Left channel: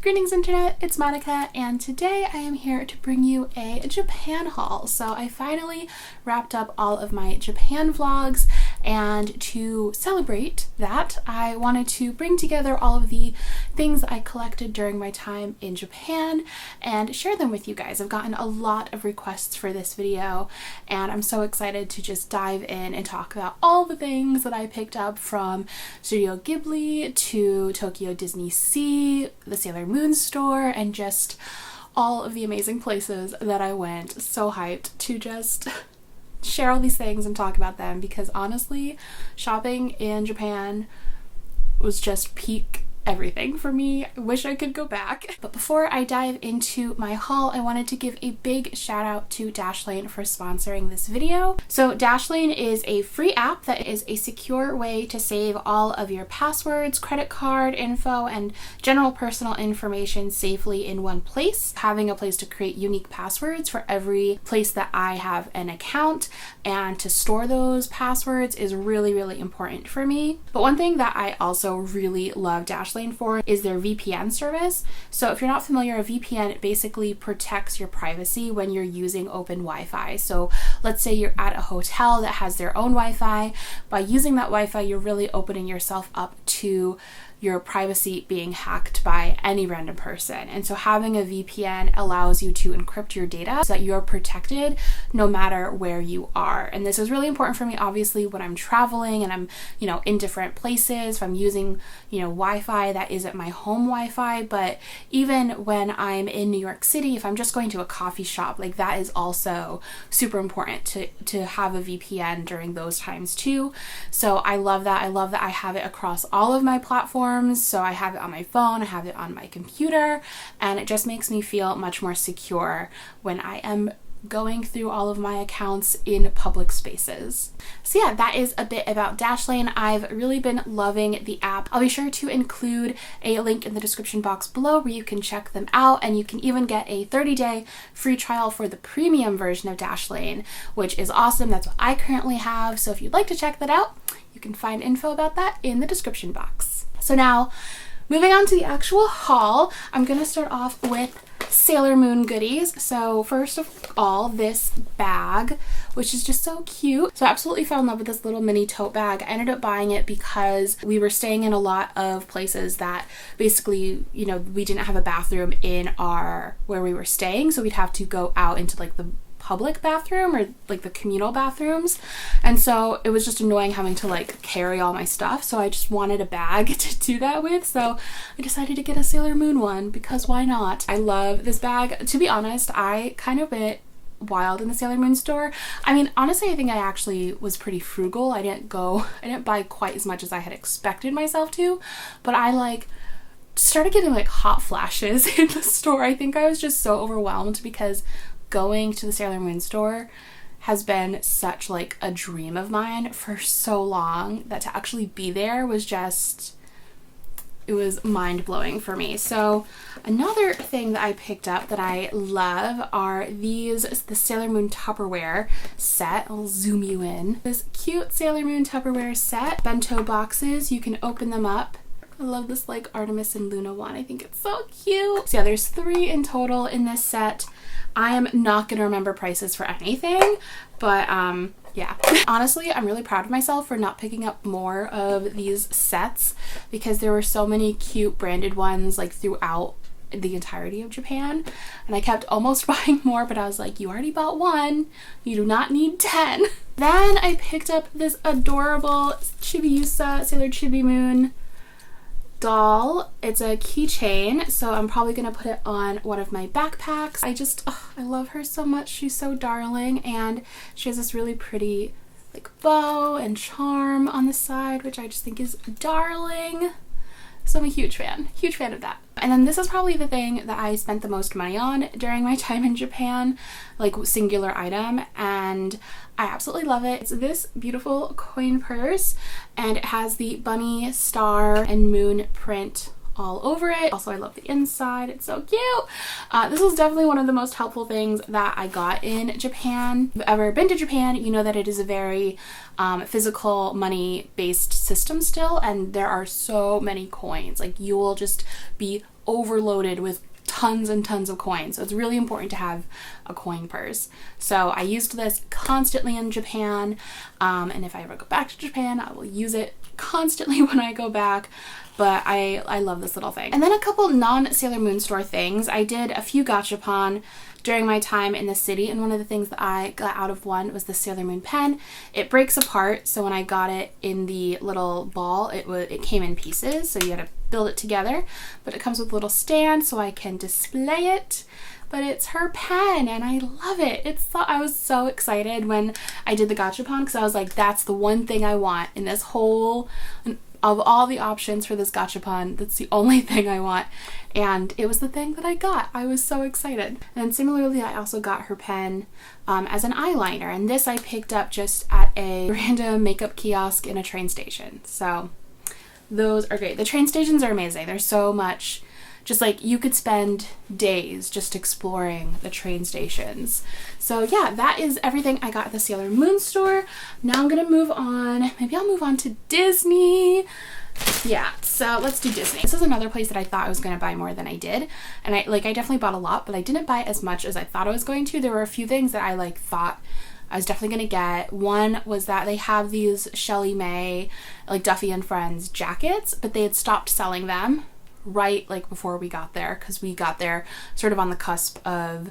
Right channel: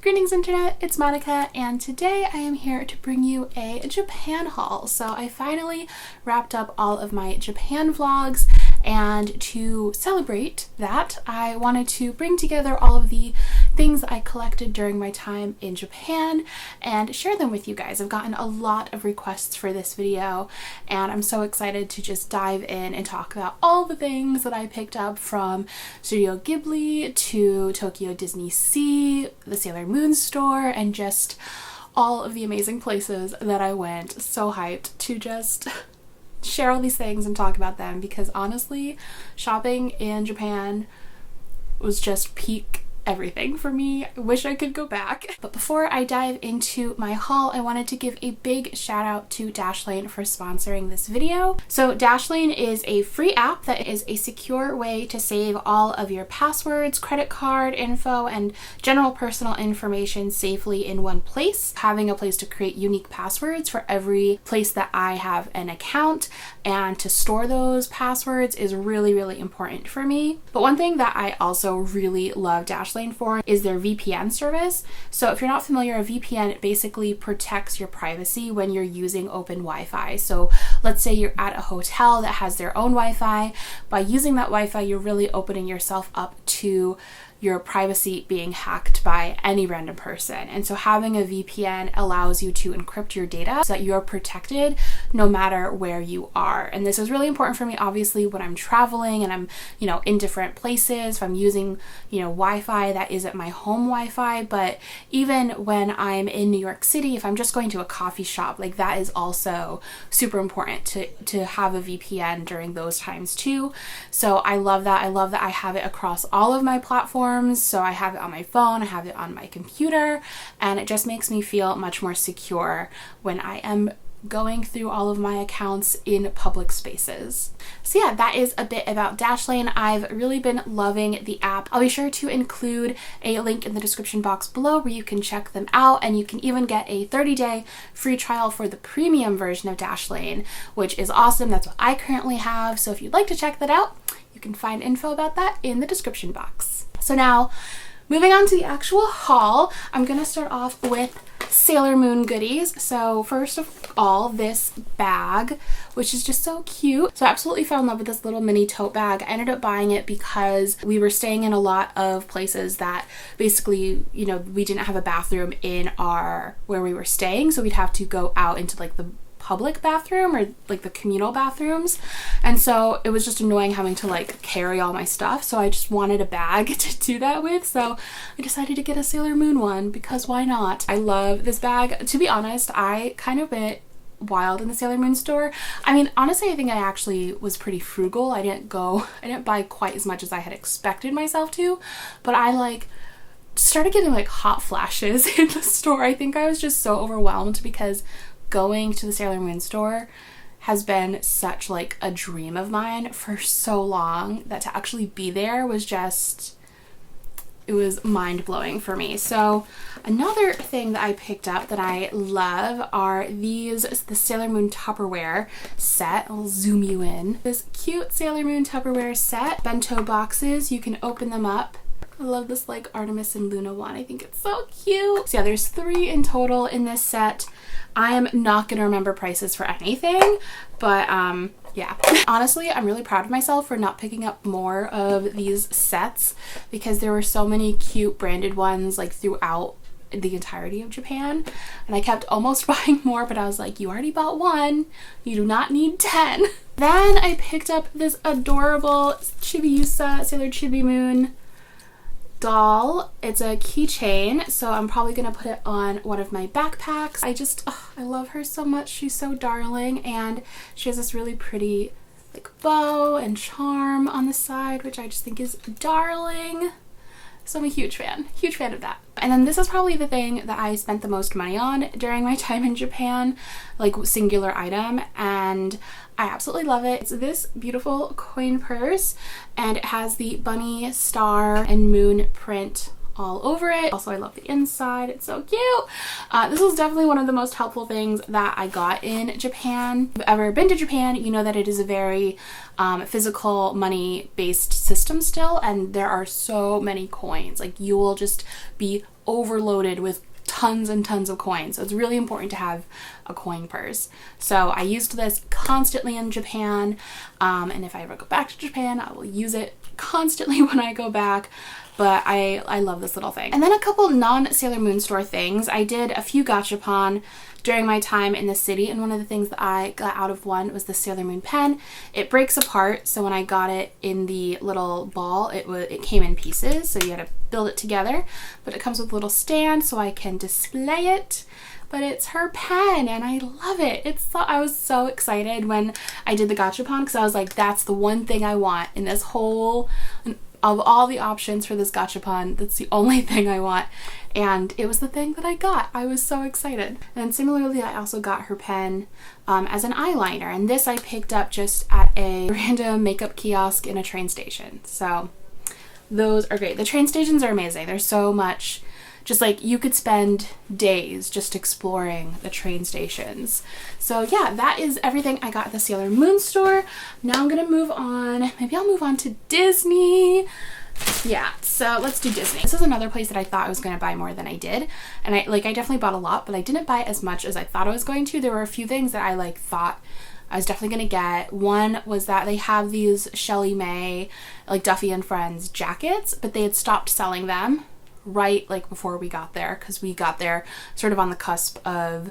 Greetings internet, it's Monica, and today I am here to bring you a Japan haul. So I finally wrapped up all of my Japan vlogs, and to celebrate that, I wanted to bring together all of the things I collected during my time in Japan and share them with you guys. I've gotten a lot of requests for this video, and I'm so excited to just dive in and talk about all the things that I picked up from Studio Ghibli to Tokyo Disney Sea, the Sailor Moon store, and just all of the amazing places that I went. So hyped to just share all these things and talk about them, because honestly, shopping in Japan was just peak everything for me. I wish I could go back. But before I dive into my haul, I wanted to give a big shout out to Dashlane for sponsoring this video. So Dashlane is a free app that is a secure way to save all of your passwords, credit card info, and general personal information safely in one place. Having a place to create unique passwords for every place that I have an account and to store those passwords is really, really important for me. But one thing that I also really love Dashlane for is their VPN service. So if you're not familiar, a VPN basically protects your privacy when you're using open Wi-Fi. So let's say you're at a hotel that has their own Wi-Fi. By using that Wi-Fi, you're really opening yourself up to your privacy being hacked by any random person. And so having a VPN allows you to encrypt your data so that you're protected no matter where you are. And this is really important for me, obviously, when I'm traveling and I'm, in different places, if I'm using, Wi-Fi that isn't my home Wi-Fi. But even when I'm in New York City, if I'm just going to a coffee shop, like that is also super important to have a VPN during those times too. So I love that. I love that I have it across all of my platforms. So I have it on my phone, I have it on my computer, and it just makes me feel much more secure when I am going through all of my accounts in public spaces. So yeah, that is a bit about Dashlane. I've really been loving the app. I'll be sure to include a link in the description box below where you can check them out, and you can even get a 30-day free trial for the premium version of Dashlane, which is awesome. That's what I currently have. So if you'd like to check that out, you can find info about that in the description box. So now, moving on to the actual haul, I'm going to start off with Sailor Moon goodies. So first of all, this bag, which is just so cute. So I absolutely fell in love with this little mini tote bag. I ended up buying it because we were staying in a lot of places that basically, we didn't have a bathroom in where we were staying. So we'd have to go out into like the public bathroom or like the communal bathrooms, and so it was just annoying having to like carry all my stuff. So I just wanted a bag to do that with, so I decided to get a Sailor Moon one because why not? I love this bag. To be honest, I kind of went wild in the Sailor Moon store. I mean, honestly, I think I actually was pretty frugal. I didn't buy quite as much as I had expected myself to, but I started getting like hot flashes in the store. I think I was just so overwhelmed because going to the Sailor Moon store has been such like a dream of mine for so long that to actually be there was just, it was mind-blowing for me. So another thing that I picked up that I love are the Sailor Moon Tupperware set. I'll zoom you in. This cute Sailor Moon Tupperware set, bento boxes, you can open them up. I love this like Artemis and Luna one. I think it's so cute. So yeah, there's 3 in total in this set. I am not gonna remember prices for anything, but yeah. Honestly, I'm really proud of myself for not picking up more of these sets because there were so many cute branded ones like throughout the entirety of Japan, and I kept almost buying more, but I was like, you already bought 1, you do not need 10. Then I picked up this adorable Chibiusa Sailor Chibi Moon doll. It's a keychain, so I'm probably gonna put it on one of my backpacks. I love her so much. She's so darling, and she has this really pretty like bow and charm on the side, which I just think is darling. So I'm a huge fan of that. And then this is probably the thing that I spent the most money on during my time in Japan, like singular item, and I absolutely love it. It's this beautiful coin purse, and it has the bunny, star, and moon print all over it. Also, I love the inside. It's so cute. This was definitely one of the most helpful things that I got in Japan. If you've ever been to Japan, you know that it is a very physical money based system still, and there are so many coins. Like, you will just be overloaded with tons and tons of coins. So it's really important to have a coin purse. So I used this constantly in Japan, and if I ever go back to Japan, I will use it constantly when I go back. But I love this little thing. And then a couple non-Sailor Moon store things. I did a few gachapon during my time in the city, and one of the things that I got out of one was the Sailor Moon pen. It breaks apart, so when I got it in the little ball, it came in pieces, so you had to build it together. But it comes with a little stand so I can display it. But it's her pen and I love it. I was so excited when I did the gachapon because I was like, that's the one thing I want in this whole, of all the options for this gachapon, that's the only thing I want. And it was the thing that I got. I was so excited. And similarly, I also got her pen as an eyeliner. And this I picked up just at a random makeup kiosk in a train station. So those are great. The train stations are amazing. There's so much, just like you could spend days just exploring the train stations. So yeah, that is everything I got at the Sailor Moon store. Now I'm gonna move on. Maybe I'll move on to Disney. Yeah, so let's do Disney. This is another place that I thought I was gonna buy more than I did. And I definitely bought a lot, but I didn't buy as much as I thought I was going to. There were a few things that I thought I was definitely gonna get. One was that they have these Shelley May, Duffy and Friends jackets, but they had stopped selling them right before we got there, because we got there sort of on the cusp of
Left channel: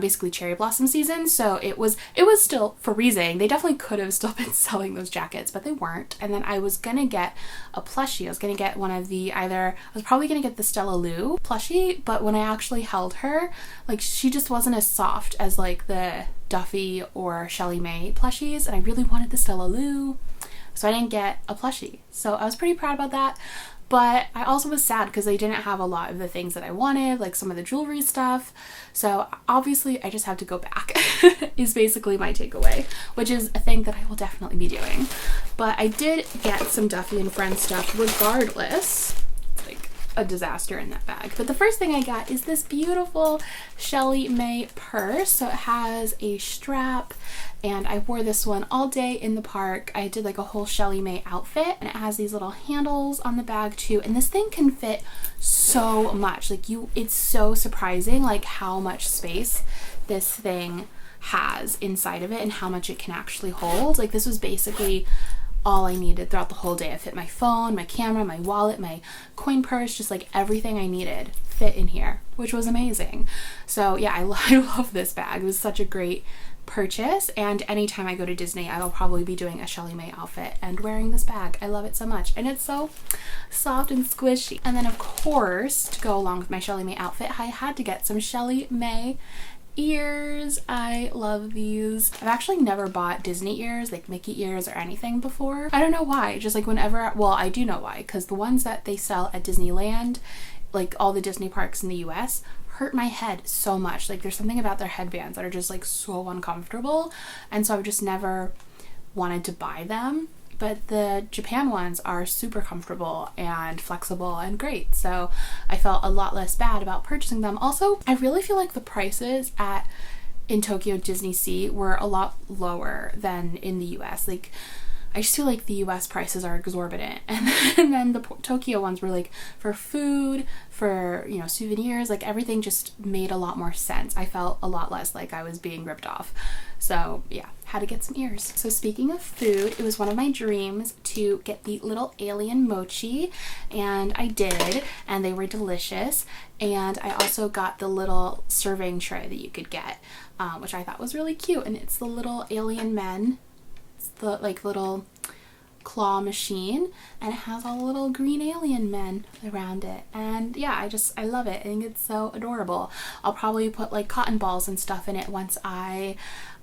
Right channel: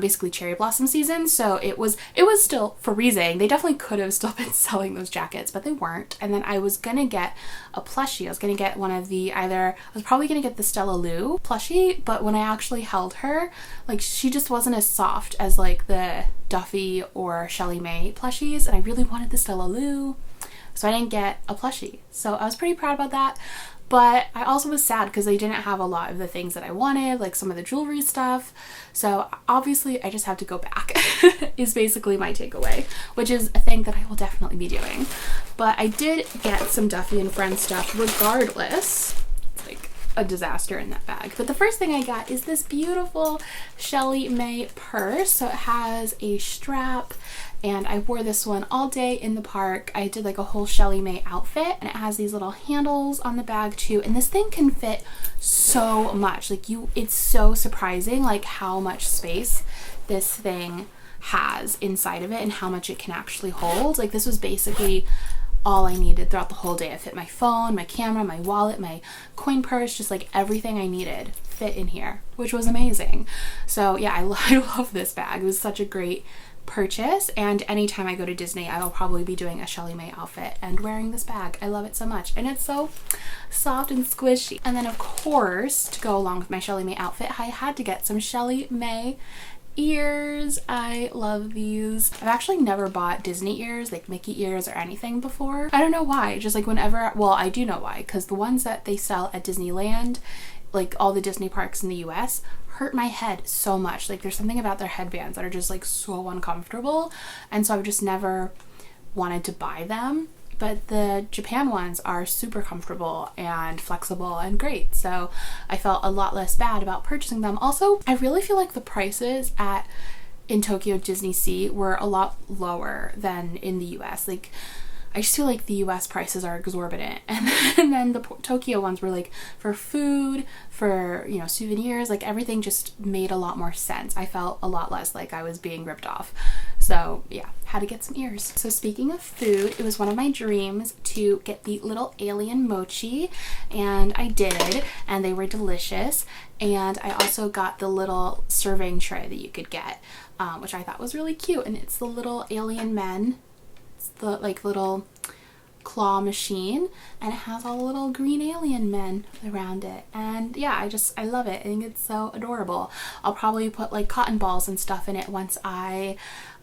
basically cherry blossom season, so it was still freezing. They definitely could have still been selling those jackets, but they weren't. And then I was gonna get a plushie. I was gonna get one of the I was probably gonna get the Stella Lou plushie, but when I actually held her, she just wasn't as soft as the Duffy or Shelley May plushies, and I really wanted the Stella Lou, so I didn't get a plushie. So I was pretty proud about that. But I also was sad because they didn't have a lot of the things that I wanted, like some of the jewelry stuff. So obviously I just have to go back is basically my takeaway, which is a thing that I will definitely be doing. But I did get some Duffy and Friends stuff regardless. It's a disaster in that bag. But the first thing I got is this beautiful Shelley May purse. So it has a strap, and I wore this one all day in the park. I did a whole Shelley May outfit, and it has these little handles on the bag too, and this thing can fit so much. It's so surprising how much space this thing has inside of it and how much it can actually hold. This was basically all I needed throughout the whole day. I fit my phone, my camera, my wallet, my coin purse, just everything I needed fit in here, which was amazing. So yeah, I love this bag. It was such a great purchase, and anytime I go to Disney, I will probably be doing a Shelley May outfit and wearing this bag. I love it so much, and it's so soft and squishy. And then of course, to go along with my Shelley May outfit, I had to get some Shelley May ears. I love these. I've actually never bought Disney ears, Mickey ears or anything before. I don't know why. Just whenever, well, I do know why, because the ones that they sell at Disneyland, all the Disney parks in the US, hurt my head so much. There's something about their headbands that are just so uncomfortable, and so I've just never wanted to buy them. But the Japan ones are super comfortable and flexible and great, so I felt a lot less bad about purchasing them. Also, I really feel the prices in Tokyo Disney Sea were a lot lower than in the US. I just feel the US prices are exorbitant, and then the Tokyo ones were for food, for souvenirs, everything just made a lot more sense. I felt a lot less I was being ripped off. So yeah, had to get some ears. So speaking of food, it was one of my dreams to get the little alien mochi, and I did, and they were delicious. And I also got the little serving tray that you could get, which I thought was really cute, and it's the little alien men. It's the little claw machine, and it has all the little green alien men around it, and yeah, I love it. I think it's so adorable. I'll probably put cotton balls and stuff in it once I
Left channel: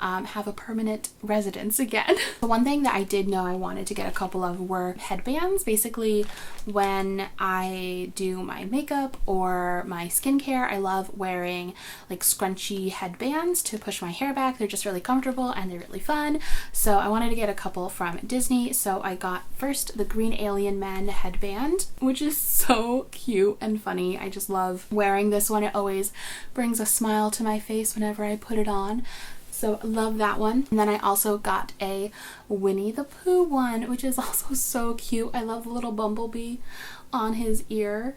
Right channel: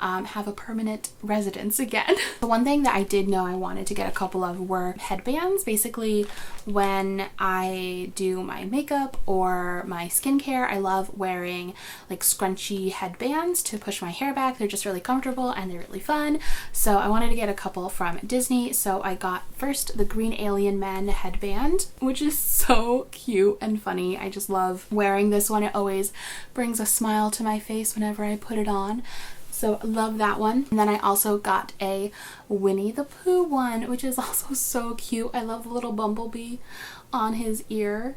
have a permanent residence again. The one thing that I did know I wanted to get a couple of were headbands. Basically, when I do my makeup or my skincare, I love wearing scrunchy headbands to push my hair back. They're just really comfortable and they're really fun. So I wanted to get a couple from Disney. So I got first the Green Alien Men headband, which is so cute and funny. I just love wearing this one. It always brings a smile to my face whenever I put it on. So I love that one. And then I also got a Winnie the Pooh one, which is also so cute. I love the little bumblebee on his ear.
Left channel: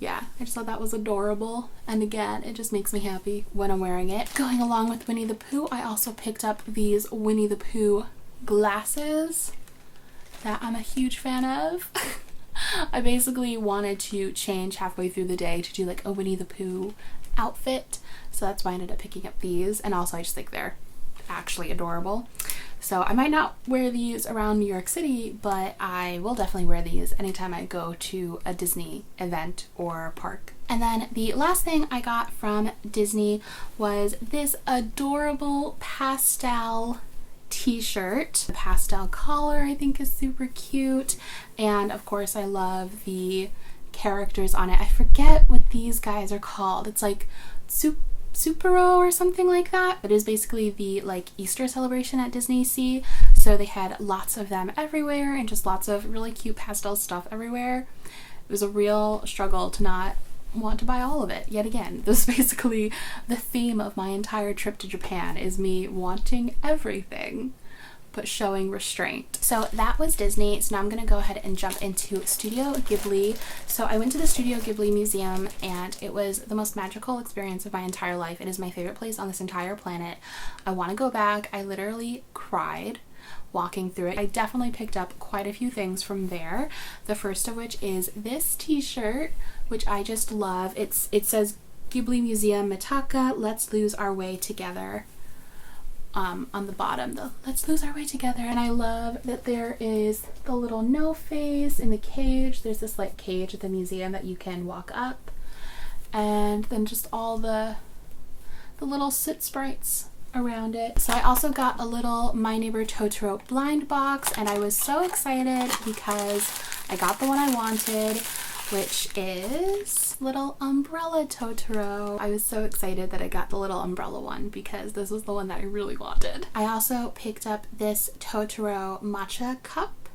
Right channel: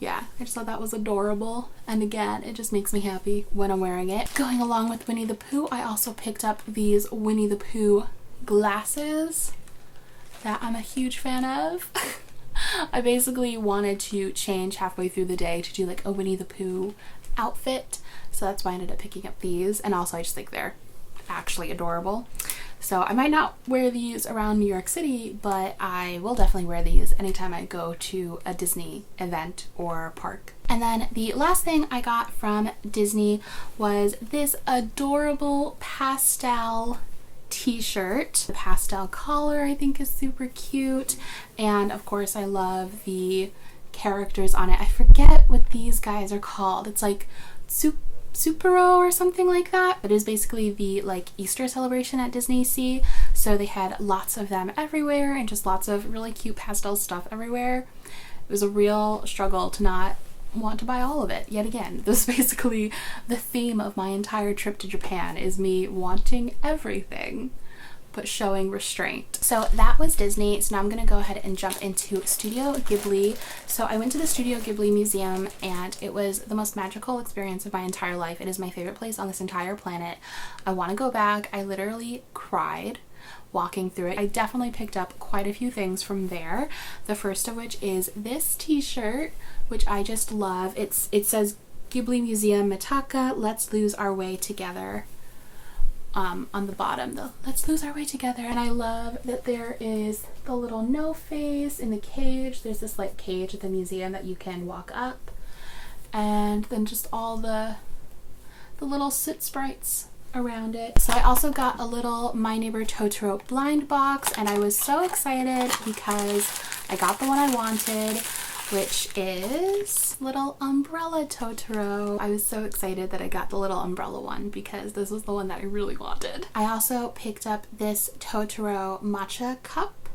yeah, I just thought that was adorable. And again, it just makes me happy when I'm wearing it. Going along with Winnie the Pooh, I also picked up these Winnie the Pooh glasses that I'm a huge fan of. I basically wanted to change halfway through the day to do like a Winnie the Pooh outfit, so that's why I ended up picking up these. And also I just think they're actually adorable. So I might not wear these around New York City, but I will definitely wear these anytime I go to a Disney event or park. And then the last thing I got from Disney was this adorable pastel t-shirt. The pastel collar I think is super cute, and of course I love the characters on it. I forget what these guys are called. It's like Supero or something like that. It is basically the like Easter celebration at Disney Sea, so they had lots of them everywhere and just lots of really cute pastel stuff everywhere. It was a real struggle to not want to buy all of it. Yet again, this is basically the theme of my entire trip to Japan, is me wanting everything but showing restraint. So that was Disney. So now I'm gonna go ahead and jump into Studio Ghibli. So I went to the Studio Ghibli Museum and it was the most magical experience of my entire life. It is my favorite place on this entire planet. I want to go back. I literally cried walking through it. I definitely picked up quite a few things from there. The first of which is this t-shirt, which I just love. It says Ghibli Museum Mitaka, let's lose our way together. On the bottom, the let's lose our way together. And I love that there is the little no face in the cage. There's this like cage at the museum that you can walk up, and then just all the little sit sprites around it. So I also got a little My Neighbor Totoro blind box, and I was so excited because I got the one I wanted, which is little umbrella Totoro. I was so excited that I got the little umbrella one because this was the one that I really wanted. I also picked up this Totoro Matcha Cup,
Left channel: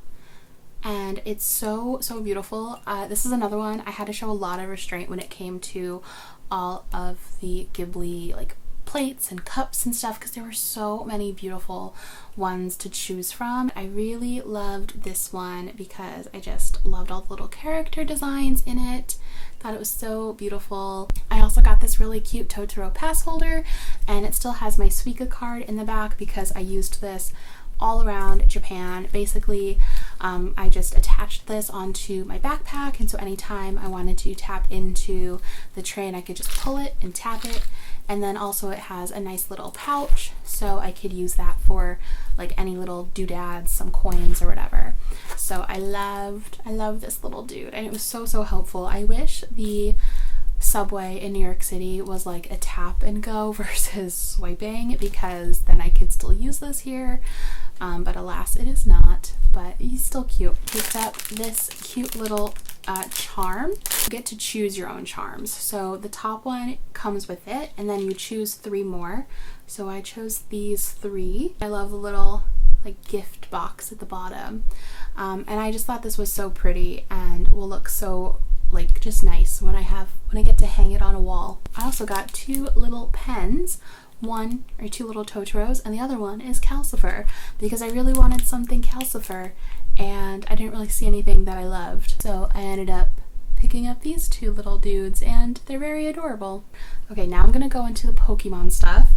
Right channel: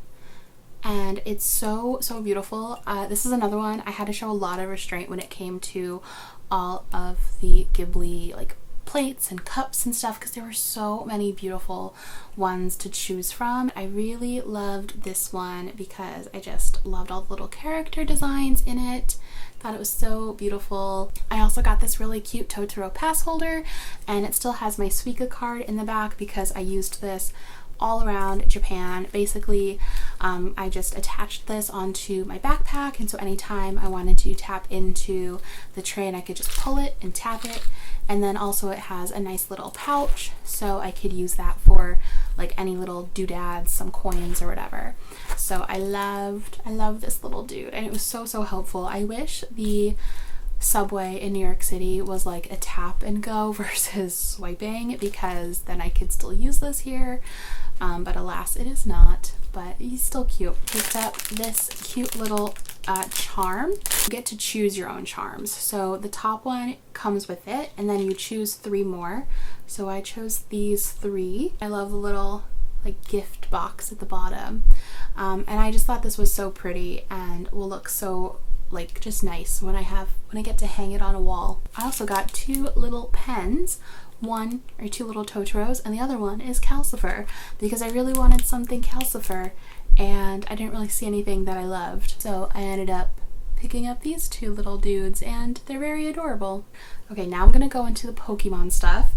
and it's so beautiful. This is another one. I had to show a lot of restraint when it came to all of the Ghibli like plates and cups and stuff, because there were so many beautiful ones to choose from. I really loved this one because I just loved all the little character designs in it. Thought it was so beautiful. I also got this really cute Totoro pass holder, and it still has my Suica card in the back because I used this all around Japan. Basically, I just attached this onto my backpack, and so anytime I wanted to tap into the train, I could just pull it and tap it. And then also it has a nice little pouch, so I could use that for like any little doodads, some coins or whatever. So I love this little dude, and it was so helpful. I wish the subway in New York City was like a tap and go versus swiping, because then I could still use this here. But alas, it is not. But he's still cute. Picked up this cute little charm. You get to choose your own charms. So the top one comes with it, and then you choose 3 more. So I chose these 3. I love the little like gift box at the bottom, and I just thought this was so pretty and will look so like just nice when I get to hang it on a wall. I also got 2 little pens. One or 2 little Totoros, and the other one is Calcifer, because I really wanted something Calcifer and I didn't really see anything that I loved. So I ended up picking up these 2 little dudes, and they're very adorable. Okay, now I'm gonna go into the Pokemon stuff.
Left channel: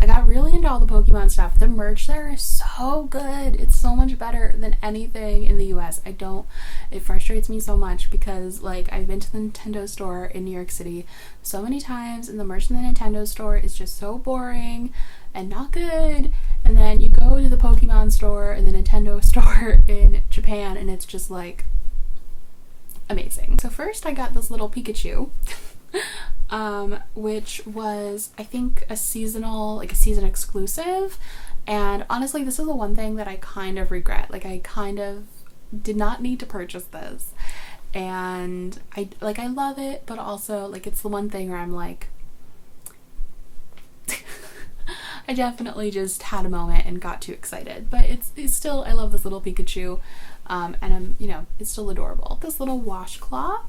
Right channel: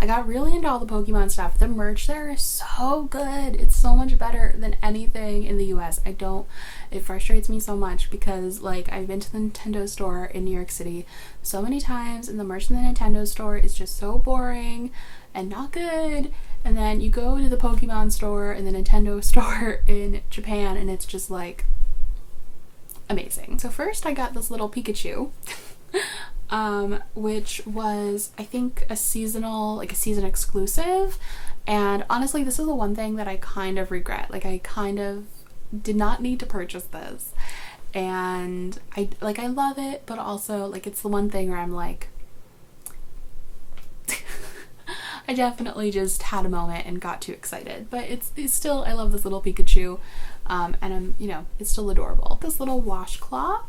I got really into all the Pokemon stuff. The merch there is so good. It's so much better than anything in the US. It frustrates me so much because like I've been to the Nintendo store in New York City so many times, and the merch in the Nintendo store is just so boring and not good. And then you go to the Pokemon store and the Nintendo store in Japan, and it's just like amazing. So first I got this little Pikachu. Which was, I think, a season exclusive. And honestly, this is the one thing that I kind of regret. Like, I kind of did not need to purchase this. And I love it, but also, like, it's the one thing where I'm like, I definitely just had a moment and got too excited. But it's still, I love this little Pikachu. And it's still adorable. This little washcloth.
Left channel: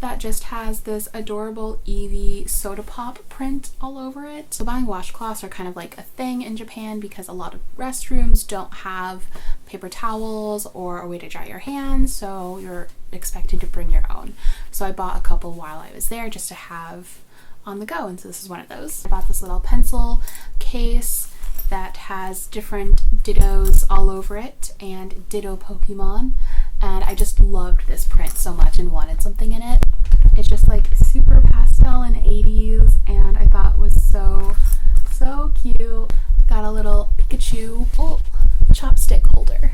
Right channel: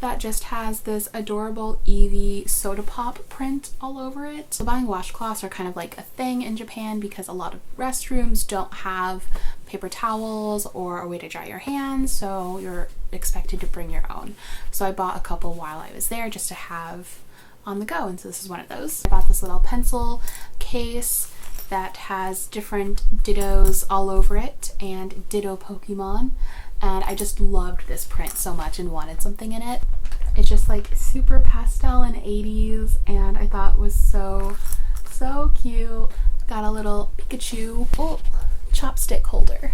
that just has this adorable Eevee soda pop print all over it. So buying washcloths are kind of like a thing in Japan because a lot of restrooms don't have paper towels or a way to dry your hands, so you're expected to bring your own. So I bought a couple while I was there just to have on the go, and so this is one of those. I bought this little pencil case that has different dittos all over it and ditto Pokemon, and I just loved this print so much and wanted something in it. It's just like super pastel and 80s, and I thought was so cute. Got a little Pikachu chopstick holder.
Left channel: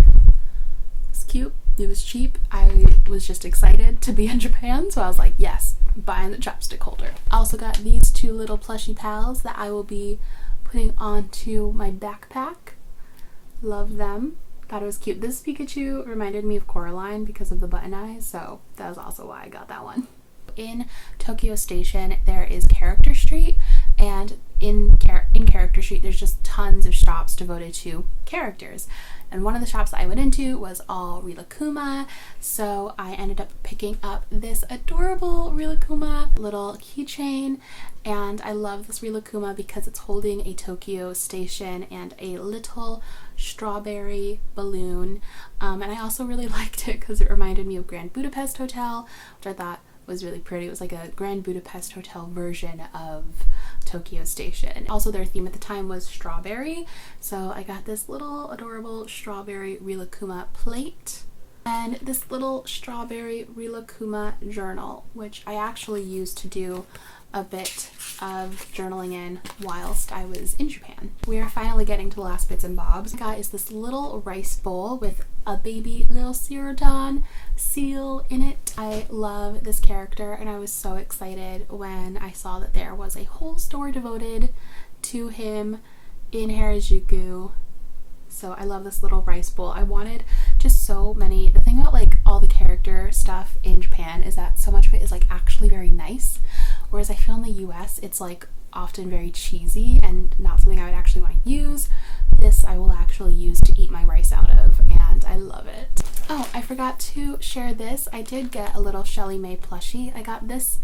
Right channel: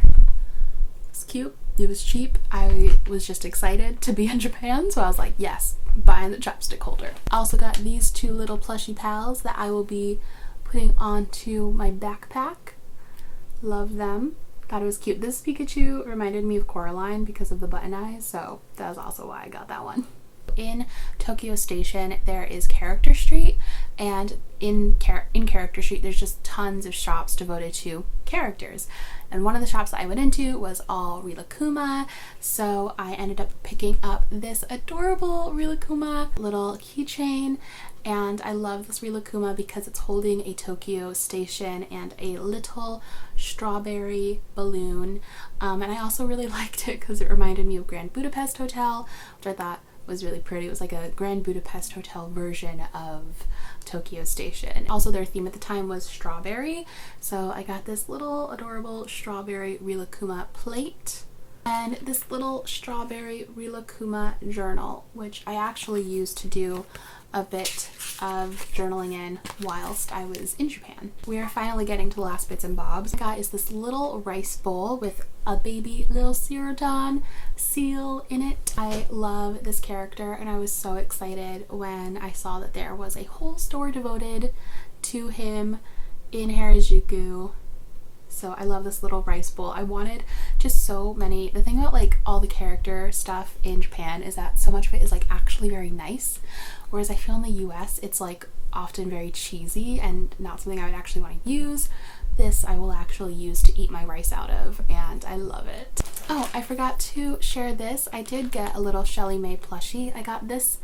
It's cute. It was cheap. I was just excited to be in Japan, so I was like, yes, buying the chopstick holder. I also got these two little plushy pals that I will be putting onto my backpack. Love them. Thought it was cute. This Pikachu reminded me of Coraline because of the button eyes, so that was also why I got that one. In Tokyo Station there is Character Street, and in Character Street there's just tons of shops devoted to characters, and one of the shops that I went into was all Rilakkuma, so I ended up picking up this adorable Rilakkuma little keychain, and I love this Rilakkuma because it's holding a Tokyo Station and a little strawberry balloon, and I also really liked it because it reminded me of Grand Budapest Hotel, which I thought was really pretty. It was like a Grand Budapest Hotel version of Tokyo Station. Also their theme at the time was strawberry, so I got this little adorable strawberry Rilakkuma plate and this little strawberry Rilakkuma journal, which I actually used to do a bit of journaling in whilst I was in Japan. We are finally getting to the last bits and bobs. What I got is this little rice bowl with a baby little Cerodon seal in it. I love this character, and I was so excited when I saw that there was a whole store devoted to him in Harajuku. So I love this little rice bowl. I wanted just so many. The thing about like all the character stuff in Japan is that so much of it is like actually very nice, whereas I feel in the US it's like often very cheesy and not something I would actually want to use. This I will actually use to eat my rice out of, and I love it. Oh, I forgot to share this. I did get a little Shelley May plushie. I got this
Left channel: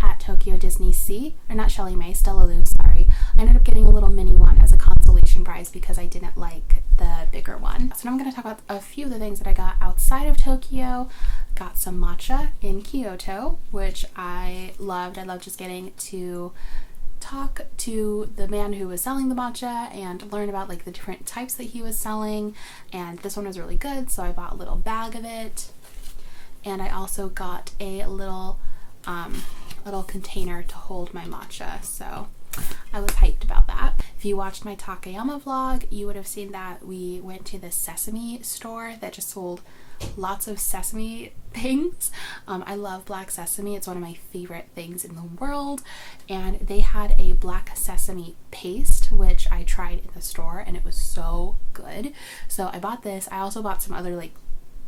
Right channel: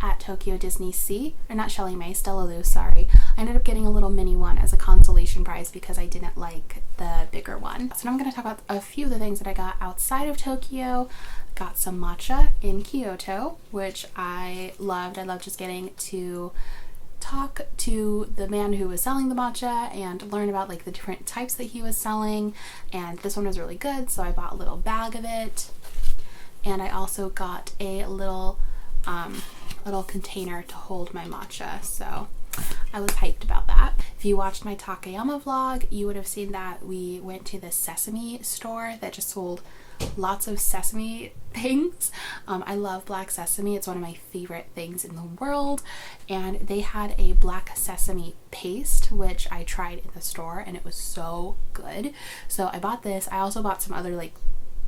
at Tokyo Disney Sea, or not Shelley May, Stella Lou, sorry. I ended up getting a little mini one as a consolation prize because I didn't like the bigger one. So now I'm going to talk about a few of the things that I got outside of Tokyo. Got some matcha in Kyoto, which I loved. I loved just getting to talk to the man who was selling the matcha and learn about like the different types that he was selling, and this one was really good, so I bought a little bag of it. And I also got a little container to hold my matcha, so I was hyped about that. If you watched my Takayama vlog, you would have seen that we went to the sesame store that just sold lots of sesame things. I love black sesame. It's one of my favorite things in the world, and they had a black sesame paste which I tried in the store and it was so good, so I bought this. I also bought some other like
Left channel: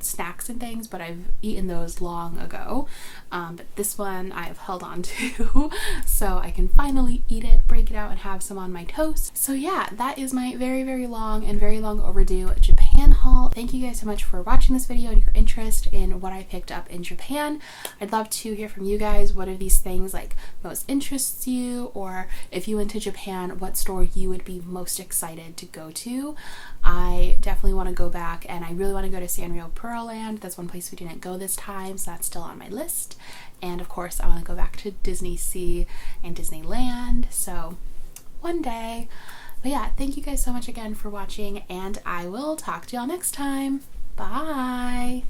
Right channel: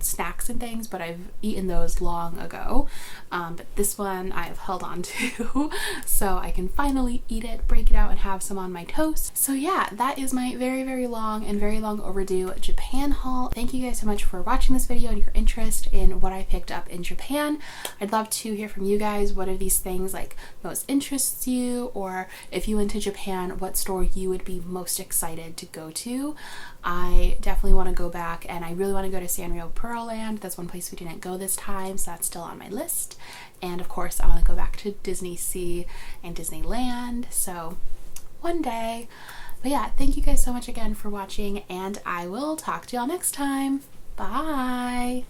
snacks and things, but I've eaten those long ago, but this one I've held on to so I can finally eat it, break it out, and have some on my toast. So yeah, that is my very long and very long overdue Japan haul. Thank you guys so much for watching this video and your interest in what I picked up in Japan. I'd love to hear from you guys. What of these things like most interests you, or if you went to Japan, what store you would be most excited to go to. I definitely want to go back, and I really want to go to Sanrio Pearl Land. That's one place we didn't go this time, so that's still on my list. And of course I want to go back to Disney Sea and Disneyland, so one day. But yeah, thank you guys so much again for watching, and I will talk to y'all next time. Bye!